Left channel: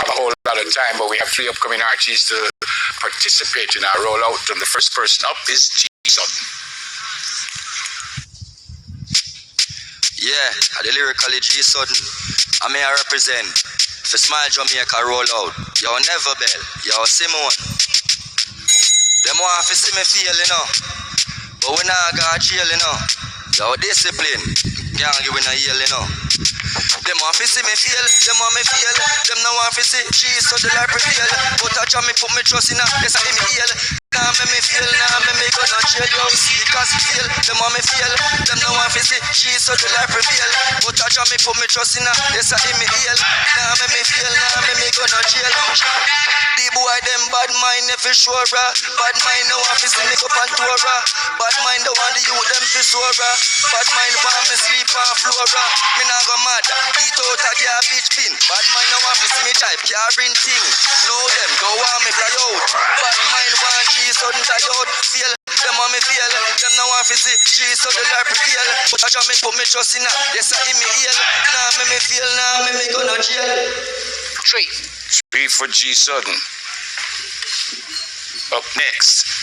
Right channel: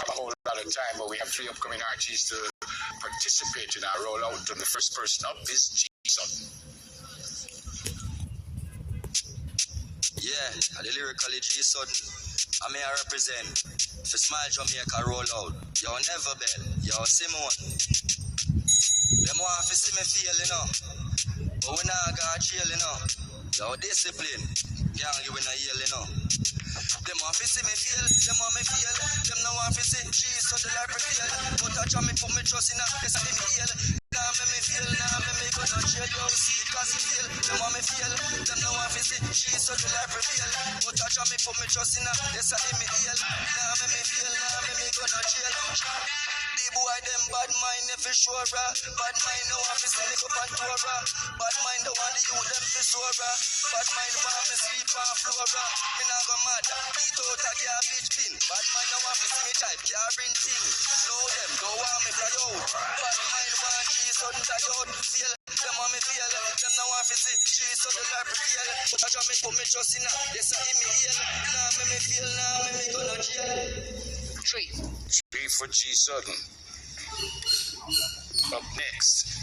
have a whole lot of time, but we have 3 upcoming artists to participate in our rollout. And the first person up is G Sutton. Yeah, the lyrically G Sutton. I may represent for Smile Jamaica rollout. Yo, Never Bell. Yo, Simone. Them want to see me feel, you know. But we not got jail, you know. Yo, discipline. Can't give me no yell, you know. Them want to see me feel, them want me feel. Them no want to see G so the life prevail. But I try me put me trust in her, yes I me heal. Now make me feel, now make me go no jail. Yo, see cause it feel, them want me feel. Them no want to see G so the life prevail. But I try me put me trust in her, yes I me heal. Now make me feel, now make me go no jail. The boy them bad mind never sure. Bad mind no want to see me go on tour. Bad mind don't want the youth them to soar. Bad mind want me sleep on floor. Me nah go mad, eat out a garbage bin. Bad mind no want to see me type carrying thing. Know them, don't want me fly out. Bad mind want G sudden die out. Feel, them want me feel. Them no want to see G so the life prevail. But I just me put me trust in her. Yes I me heal. Now make me feel, now make me go no jail. 3 for G Sutton. Up next,